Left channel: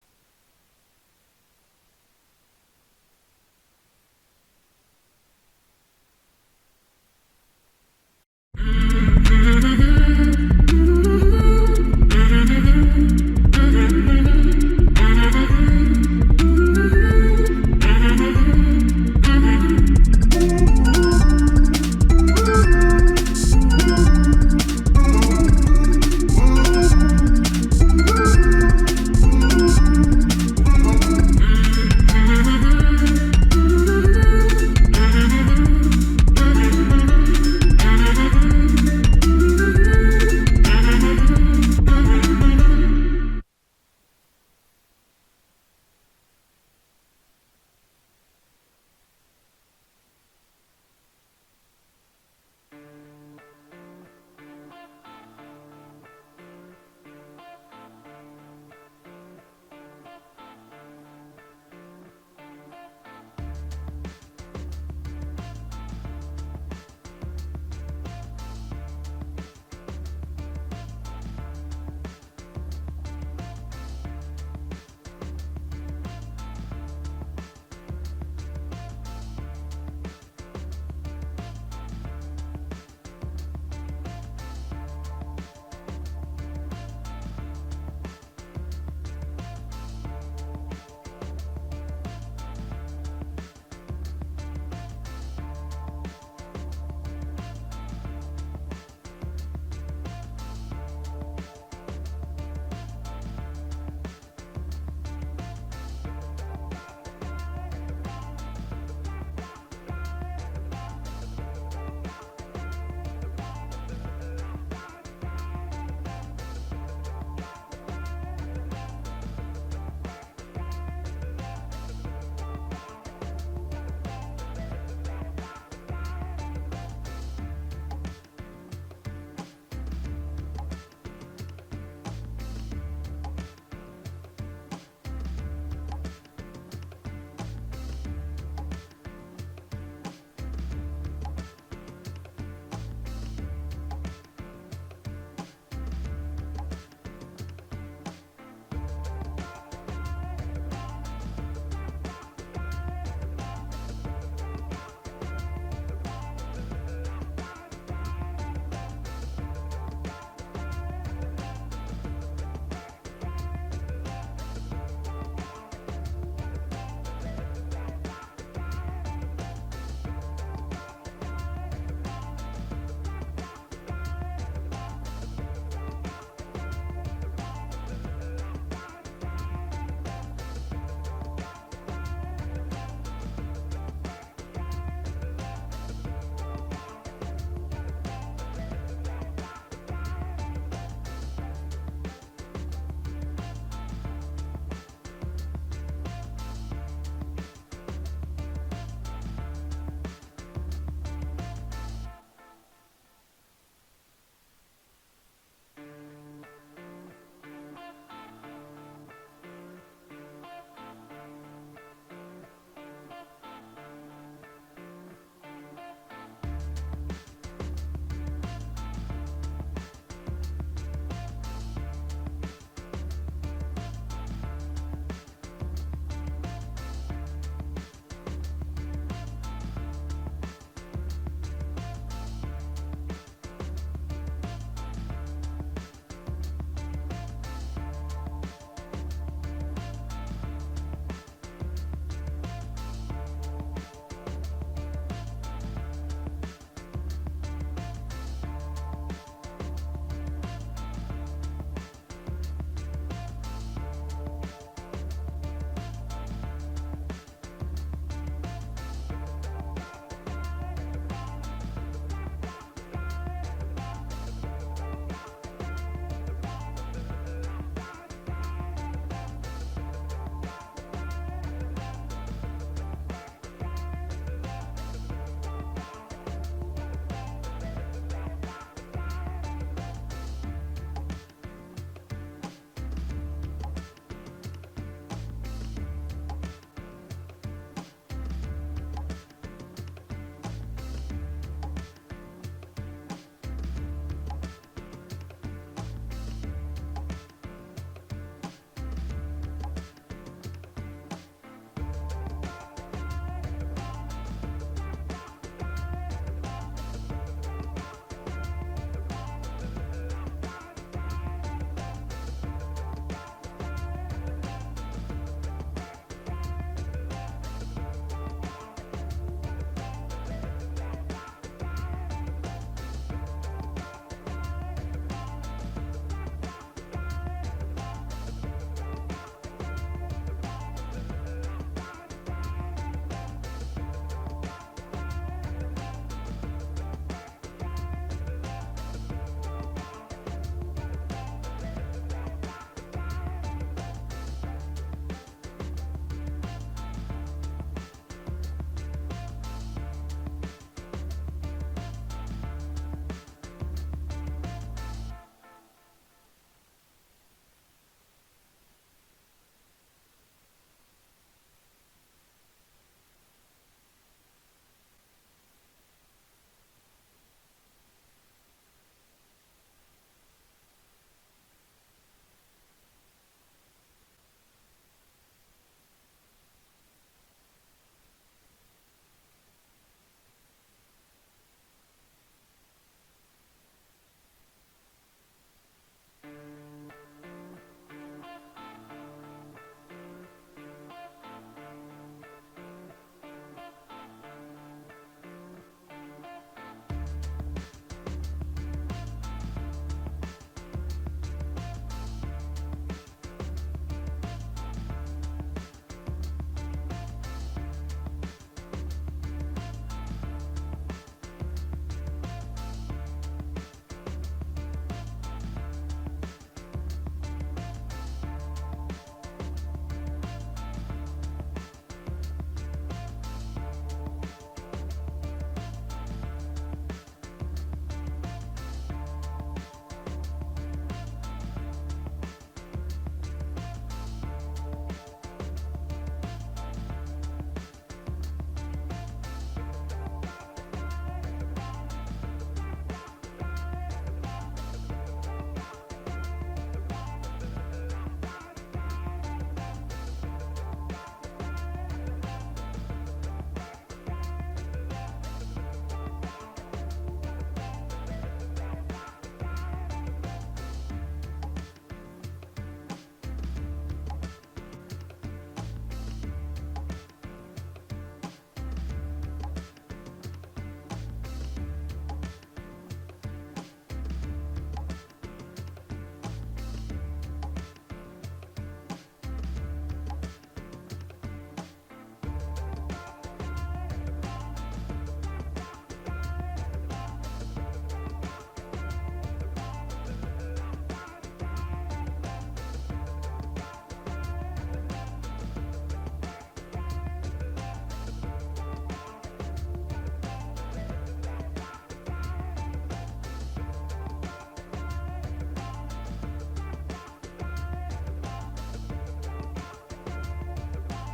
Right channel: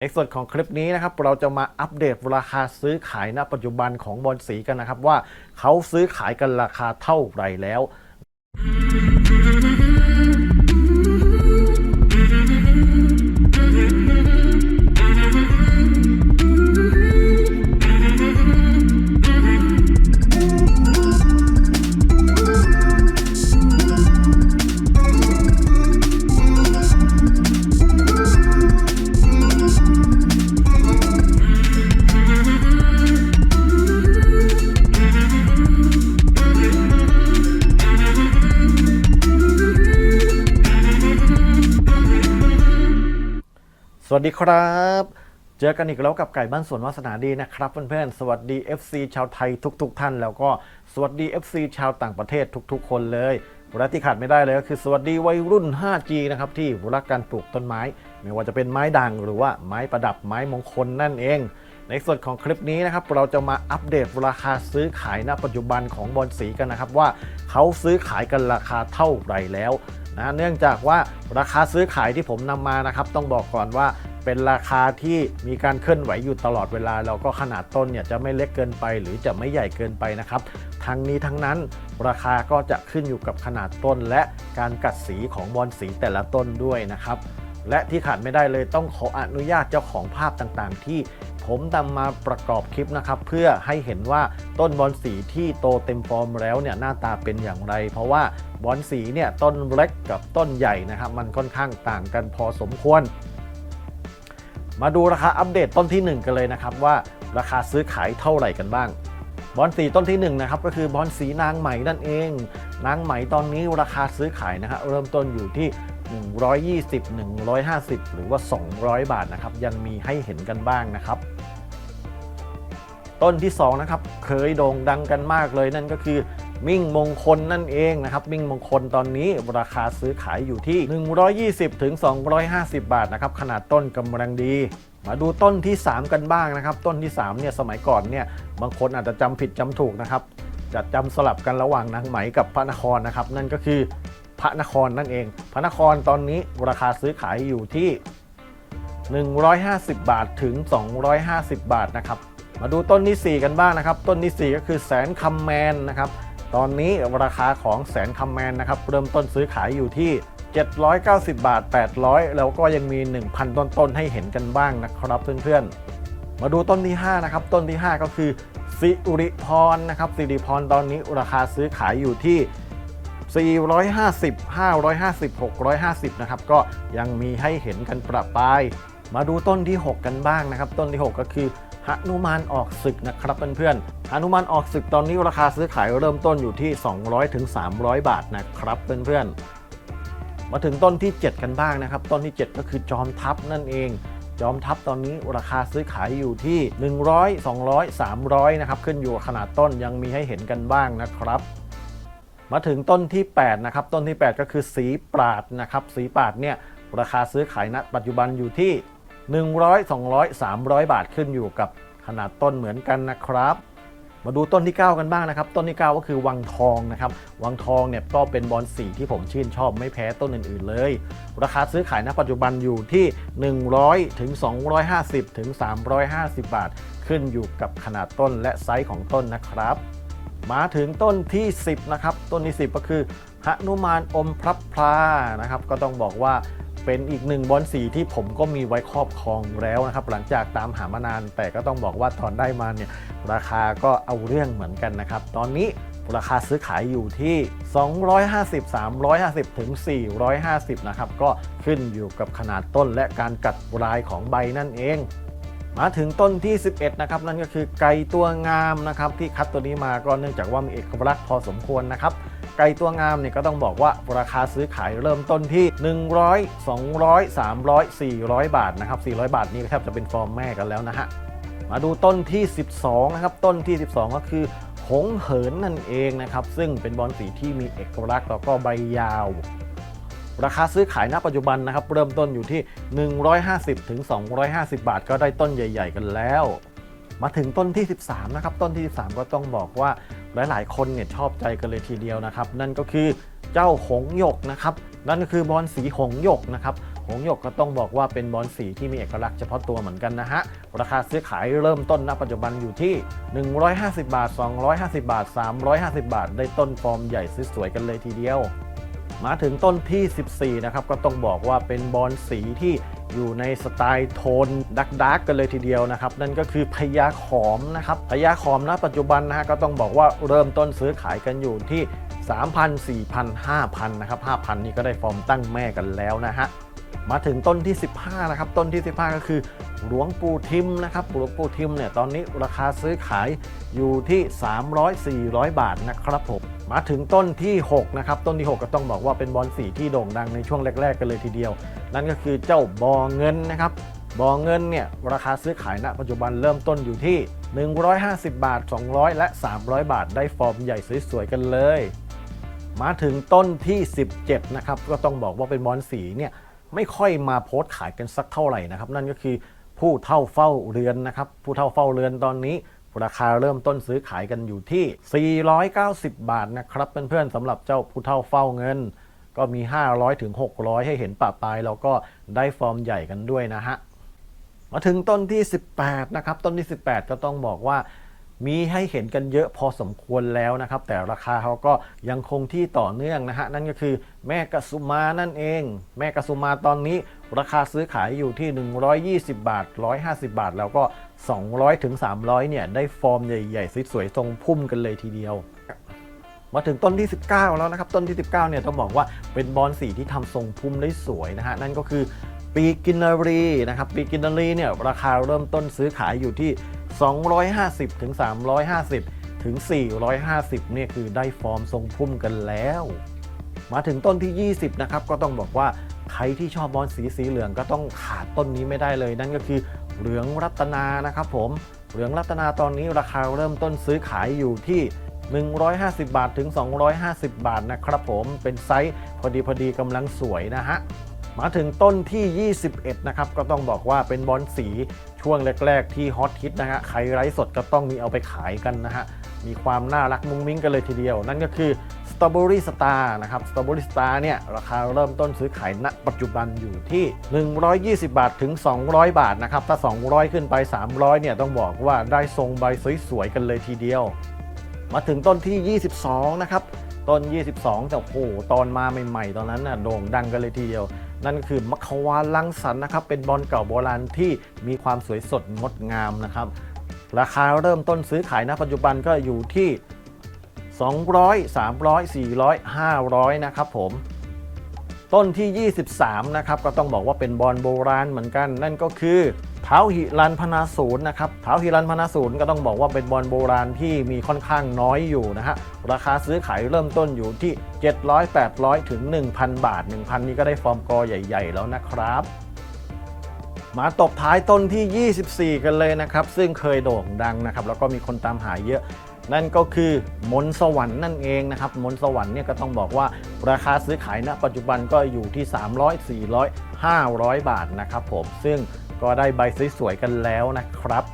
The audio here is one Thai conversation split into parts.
ในส่วนของคลิปนี้นะครับเราจะมาอัปเดตราคาซื้อขายณปัจจุบันของบอลสีกันนะครับว่าเขาซื้อขายกันราคาเท่าไหร่แล้ว วัสดีครับ เจอกันอีกแล้วกับไก่บ้านสวนวาสนาดีนะครับเพื่อนๆ สวัสดี FC ชาวไทยทุก ๆ ท่าน แล้วก็สวัสดี FC ชาวต่างประเทศทุก ๆ คนเลยและที่ขาดไม่ได้เลยก็คือสวัสดีวัยรุ่น 5G นะครับที่รักการปลูกต้นไม้ ไม่ว่าจะเป็นไม้ด่างหรือว่าไม้ประดับไม้มงคลนั่นเอง ในส่วนของคลิปนี้นะครับเราจะมาอัปเดตราคาซื้อขายณปัจจุบันของบอลสีกันนะครับว่าเขาซื้อขายกันราคาเท่าไหร่แล้ว นะเนื่องจากว่าราคาซื้อขายที่ผมนำมานะครับ ต้องบอกก่อนว่าเป็นราคาที่มีการเคลื่อนไหวอยู่ตลอดเวลา แล้วก็ขนาดต้นเนี่ยจะไม่เล็กเกินไป หรือจะไม่ใหญ่เกินไปนะครับ ทั้งนี้ทั้งนั้นราคาก็จะขึ้นอยู่กับขนาดต้น และการกัดสีของบอลสีแต่ละต้นด้วยนะครับ และที่ขาดไม่ได้เลยต้องขออนุญาตเจ้าของภาพต่างๆ ที่ผมนำมาประกอบคลิปนะครับ เพื่อให้เห็นว่าต้นบอลสีที่โตเต็มฟอร์มแล้วเนี่ยหน้าตาเป็นอย่างไร เพราะว่าบอลสีเนี่ยต้นเล็กกับต้นใหญ่นะครับ มันค่อนข้างต่างกันพอสมควร มาดูราคาอัปเดตต้นที่ 1 กันเลยนะครับว่าราคาซื้อขายเท่าไหร่กันบ้างบอลสีต้นที่1นะครับก็คือบอลสีนางไหมนั่นเอง นางไหมตอนนี้ราคาซื้อขายนะครับเริ่มต้นอยู่ที่ 120 150 หรือว่า 200 บาทนะครับ ยังมีให้เห็นกันบ้างนะครับ ต้นที่2นะครับเคยโด่งดังกันมากเลยนั่นก็คือมิ่งมงคลนั่นเองนะครับ มิ่งมงคลตอนนี้ราคาซื้อขายอยู่ที่ 120ถึง250 บาทนะครับ ขนาดต้นกำลังดี มาดูต้นที่ 3 กันบ้างนะครับ ต้นที่3เนี่ยสมัยก่อนเนี่ยบางคนอาจจะจำผิดจำถูกนะครับจะจำสลับกันระหว่างนางไหมกับพระนครนะครับ นั่นก็คือ พระนครนั่นเอง พระนครตอนนี้ราคาซื้อขายอยู่ที่ 150 บาทถึง 250 บาทนะครับ มาดูต้นที่ 4 กันบ้างนะครับ ต้นที่ 4 ก็คือแสนคำแมนนะครับ ตอนนี้ราคาของแสนคำแมนนะครับเริ่มต้นซื้อขายอยู่ที่ 790 บาท 800 แล้วก็ยังมี 1,000 ต้นๆให้เห็นกันบ้างนะครับเพื่อนๆ มาดูต้นที่ 5 นะครับ ต้นที่ 5 ก็คือสิริพรนะครับสิริพรตอนนี้ราคาซื้อขายอยู่ที่ 450 550 650 นะครับ ก็ยังมีให้เห็นกันประปราย มาดูต้นที่ 6 กันบ้างนะครับ ต้นที่ 6 ก็คือหนุมานออกศึกนะครับเพื่อนๆหนุมานออกศึกตอนนี้ราคาซื้อขายเริ่มต้นอยู่ที่200ถึง300 บาทนะครับเพื่อนๆ มาถึงต้นที่ 7 กันบ้างนะครับ ต้นที่ 7 ก็คือจอมทัพนั่นเองจอมทัพตอนนี้ราคาซื้อขายอยู่ที่ 100 200 300 นะครับ ขึ้นอยู่ขนาดต้นยังมีให้เห็นกันบ้างนะครับ มาถึงต้นที่ 8 นะครับ ต้นที่ 8 ก็คือสีปราดนะครับ สีปราดเนี่ยราคาซื้อขายณปัจจุบันอยู่ที่ 100 200 300 บาทขึ้นอยู่กับขนาดต้นเหมือนกันนะครับ มาดูต้นที่ 9 กันบ้างนะครับ ต้นที่ 9 ก็คือวังทองนะครับ วังทองเนี่ยก็เป็นบอลสีที่ผมชื่นชอบไม่แพ้ต้นอื่นๆเลย ราคาซื้อขายณปัจจุบันอยู่ที่ 100ถึง250ถึง350 บาท ขึ้นอยู่กับขนาดต้นและไซส์ของต้นนะครับ มาถึงต้นที่ 10 นะครับ ต้นที่ 10 ก็คือหนุมานอมพระพลานะครับ ก็ต้องบอกว่าเป็นอีกหนึ่งบอลสีที่ผมก็มีไว้ครอบครองแล้วนะครับ หลังจากตามหามานาน แต่ก็ต้องบอกว่าตอนได้มาเนี่ยราคาก็เอาเรื่องเหมือนกันนะครับ ตอนนี้ราคาซื้อขายอยู่ที่ 250 350 ถึง 450 นะครับ ก็ขึ้นอยู่กับขนาดต้นและการกัดลายของใบนั่นเอง มาถึงต้นที่ 11 นะครับ นั่นก็คือไก่ตัวงามนะครับที่คัดตัวนี้มาก็เนื่องจากว่ามีเอกลักษณ์พอสมควรนะครับ ไก่ตัวงามเนี่ยก็ต้องบอกว่าราคาซื้อขายเริ่มต้นที่ 100 200 300 400 บาทนะครับ 400 บาทนี่แทบจะเป็นฟอร์มแม่กันแล้วนะฮะมาดูต้นที่ 12 นะครับ ต้นที่ 12 ก็คือหงเหินนั่นเองนะครับ ซึ่งเป็นบอลสีที่มีเอกลักษณ์แล้วก็ใบยาว ราคาซื้อขายณปัจจุบันนะครับ เริ่มต้นอยู่ที่ 150ถึง250 บาท ก็ได้ต้นใหญ่ ๆ กันแล้ว มาถึงต้นที่ 13 นะครับ ต้นที่ 13 ก็ต้องบอกว่าหลาย ๆ คนเนี่ยชอบใจกันเลยทีเดียวนะครับ นั่นก็คือเจ้าหงหยกนะครับ นั่นก็คือบอลสีหงหยกนะครับหงหยกก็ต้องบอกว่าเป็นบอลสีที่มีเอกลักษณ์เฉพาะตัวเหมือนกันนะฮะ ราคาซื้อขายเริ่มต้นณปัจจุบันอยู่ที่ 150 บาท 250 บาท 350 บาท ได้ต้นฟอร์มใหญ่สวยๆกันเลยทีเดียว มาถึงต้นที่ 14 นะครับ ก็ต้องบอกว่าเป็นบอลสีที่อยู่ในสไตล์โทนดักดักกันเลยทีเดียวนะครับ นั่นก็คือพญาขอมนะครับพญาขอมณปัจจุบันนะฮะก็ต้องบอกว่าเริ่มต้นซื้อขายกันอยู่ที่ 3,000 4,000 5,000 นะครับ 5,000 นี่ก็ได้ฟอร์มตั้งแม่กันแล้วนะฮะมาถึงต้นที่ 15 นะครับ ต้นที่ 15 ก็คือหลวงปู่ทิมนะครับหลวงปู่ทิมเนี่ยตอนนี้ราคาซื้อขายอยู่ที่ 300-400 บาทนะครับผม มาถึงต้นที่ 6 นะครับ ต้นที่ 6 ก็ต้องบอกว่าเป็นบอลสีที่โด่งดังในช่วงแรก ๆ กันเลยทีเดียว นั่นก็คือเจ้าบอเงินนะครับบอเงินเนี่ยราคาซื้อขายณปัจจุบันเริ่มต้นอยู่ที่ 150 บาท 200 และ 300 บาท ได้ฟอร์มใหญ่สวยๆกันเลย มาถึงต้นที่ 17 นะครับ ก็ต้องบอกว่าเป็นบอลสีเนี่ยไม่ค่อยมาโพสต์ขายกันสักเท่าไหร่นะครับ นั่นก็คือผู้เท่าเฝ้าเรือนนะครับ ผู้เท่าเฝ้าเรือนตอนนี้ ราคาเริ่มต้นซื้อขายกันอยู่ที่ 490 บาทนะครับเพื่อนๆสำหรับเจ้าผู้เท่าเฝ้าเงิน ก็มี 500ถึง600 ให้เห็นปะปลายแล้วก็ได้ฟอร์มใหญ่กันด้วยนะฮะ มาถึงต้นที่ 18 นะครับ ต้นที่ 18 ก็ต้องบอกว่า มีให้เห็นกันเยอะพอสมควรแล้วนะครับ แต่ราคาเขาก็ยังคงที่ต่อเนื่องนะฮะ นั่นก็คือแม่กะสุมานั่นเอง แม่กะสุมาตอนนี้ ราคาซื้อขายอยู่ที่ 120 บาท 150 บาท แล้วก็ 200ถึง300 เนี่ย ได้ฟอร์มใหญ่ๆสวยๆทรงพุ่มกันเลยทีเดียวมาถึงต้นที่ 19 แล้วนะครับ ต้นที่ 19 เนี่ยต้องบอกว่าเป็นบอลสีที่ทำทรงพุ่มได้สวยนะฮะ นั่นก็คือ ปีกินนารีนะครับปีกินนารีเนี่ยราคาเริ่มต้นซื้อขายอยู่ที่ 250ถึง350ถึง450เนี่ยคือได้ฟอร์มทรงพุ่มกันแล้ว มาถึงต้นที่ 20นะครับก็ต้องบอกว่าใครที่ชอบบอลสีสีเหลืองก็ต้องขาดต้นนี้ไม่ได้เลย นั่นก็คือเหลืองรัตนานะครับผมเหลืองรัตนาตอนนี้ราคาเริ่มต้นซื้อขายอยู่ที่ 150 บาทถึง 250 บาทนะครับผมเป็นไซส์พอดีพอดีกำลังสวยนะฮะ มาถึงต้นที่ 21 นะครับ ก็ต้องบอกว่าเป็นบอลสีช่วงแรก ๆ ที่ฮอตฮิตนะฮะ ใครไร้สดก็ต้องมีเอาไปขายกันนะฮะ มีความน่ารักมุ้งมิ้งกันเลยทีเดียว นั่นก็คือสตรอเบอรี่สตาร์นะครับ สตรอเบอรี่สตาร์เนี่ย ราคาเริ่มต้นซื้อขายณปัจจุบันอยู่ที่ 120 บาทถึง 200 บาทนะครับ ถ้า 200 ขึ้นไป 300 เนี่ยต้องบอกว่าได้ทรงใบสวยๆกันเลยทีเดียว มาถึงต้นที่ 22 นะครับ ต้น 22 แต่โอ้โหตอนมาใหม่ ๆ ตอนนั้นน่ะโด่งดังกันเลยทีเดียว นั่นก็คือมัคควาลังสรรค์นะครับ เป็นบอลเก่าโบราณที่มีความสวยสดงดงามนะครับ ราคาเริ่มต้นซื้อขายณปัจจุบันก็อยู่ที่ 200 300 400 500 นะครับผมต้นที่ 23 นะครับ ก็ต้องบอกว่าเป็นบอลโบราณเหมือนกัน นั่นก็คือ ท้าหิรันพนาศูนย์นะครับเท้าหิรันพนาศูนย์ก็ต้องบอกว่าเป็นบอลโบราณที่มีค่อนข้างน้อยอยู่นะฮะ ราคาซื้อขายเริ่มต้นอยู่ที่ 700 800 ถึง 1,000 บาท 1,000 นี่ก็ได้ฟอร์มกอใหญ่ ๆ แล้วนะครับมาตบท้ายต้นที่ 24 กันเลยนะครับ ซึ่งเคยโด่งดังนะครับ แล้วก็มีคนตามหาเยอะ นั่นก็คือมนสวรรค์นั่นเองนะครับมนสวรรค์เนี่ยก็ต้องบอกว่าราคาซื้อขายณปัจจุบันก็อยู่ที่ 300 400 500 บาทนะครับผมซึ่งก็ได้ใบสวยๆกันแล้วนะครับ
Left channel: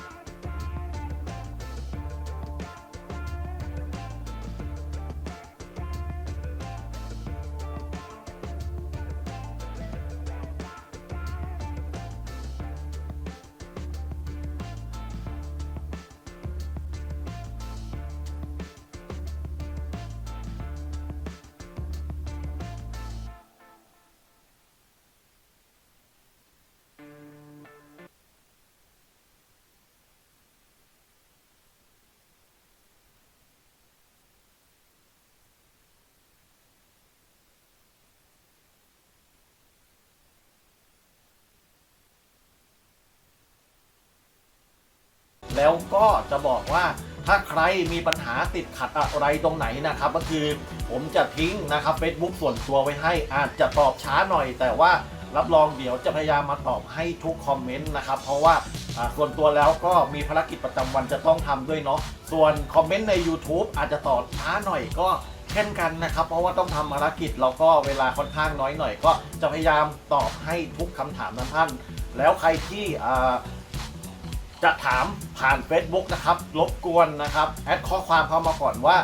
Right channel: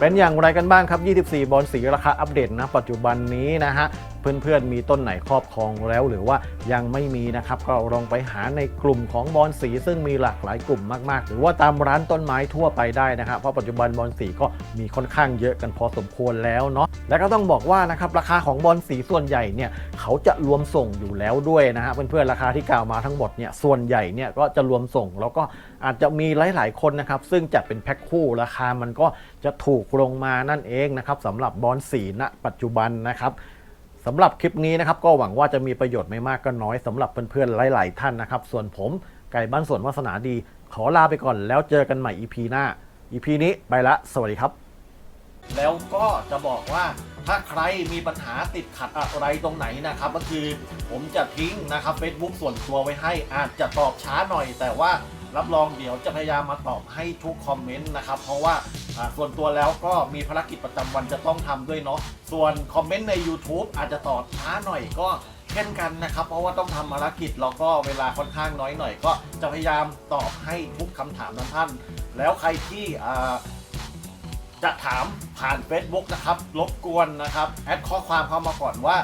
เป็นอย่างไรกันบ้างครับ 24 บอลสีราคาอัปเดตนะปัจจุบันนี้นะฮะ เพื่อนๆ มีต้นไหนครอบครองแล้วหรือว่ายังไม่มีนะครับ ก็ลองไปหาในกลุ่มของบอลสีซึ่งมีหลากหลายกลุ่มมากๆ หรือว่าตามร้านต้นไม้ทั่วไปได้นะครับเพราะปัจจุบันบอลสีก็มีค่อนข้างเยอะกันพอสมควรแล้วเนาะและก็ต้องบอกว่านะครับราคาของบอลสีส่วนใหญ่เนี่ยเขาจะรวมส่งอยู่แล้วด้วยนะฮะเพื่อนๆราคาที่กล่าวมาทั้งหมดเนี่ยส่วนใหญ่เนี่ยก็จะรวมส่งแล้วก็ อาจจะมีหลาย ๆ คนนะครับ ซึ่งจัดเป็นแพ็คคู่ราคามันก็จะถูกลงมานั่นเองนะครับสำหรับบอลสีณปัจจุบันนะครับสำหรับคลิปนี้นะครับก็หวังว่าจะมีประโยชน์ไม่มากก็น้อยสำหรับเพื่อนๆหลาย ๆ ท่านนะครับ ส่วนผมไก่บ้านสวนวาสนาดี ขอลาไปก่อนแล้วเจอกันใหม่ EP หน้า EP นี้ไปละ สวัสดีครับ แล้วก็จะบอกว่าถ้าใครมีปัญหาติดขัดอะไรตรงไหนนะครับ ก็คือผมจะทิ้งนะครับ Facebook ส่วนตัวไว้ให้อาจจะตอบช้าหน่อยแต่ว่า รับรองเดี๋ยวจะพยายามมาตอบให้ทุกคอมเมนต์นะครับเพราะว่าส่วนตัวแล้วก็มีภารกิจประจำวันจะต้องทำด้วยเนาะส่วนคอมเมนต์ใน YouTube อาจจะตอบช้าหน่อยก็เช่นกันนะครับ เพราะว่าต้องทำภารกิจแล้วก็เวลาค่อนข้างน้อยหน่อย ก็จะพยายามตอบให้ทุกคำถามนั้นท่าน แล้วใครที่จะถามผ่าน Facebook นะครับรบกวนนะครับแอดข้อความเข้ามาก่อนว่า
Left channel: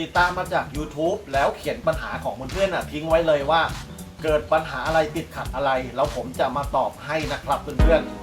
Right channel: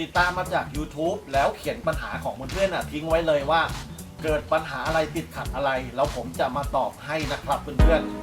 ติดตามมาจาก YouTube แล้วเขียนปัญหาของเพื่อนๆน่ะทิ้งไว้เลยว่า เกิดปัญหาอะไรติดขัดอะไร แล้วผมจะมาตอบให้นะครับเพื่อนๆ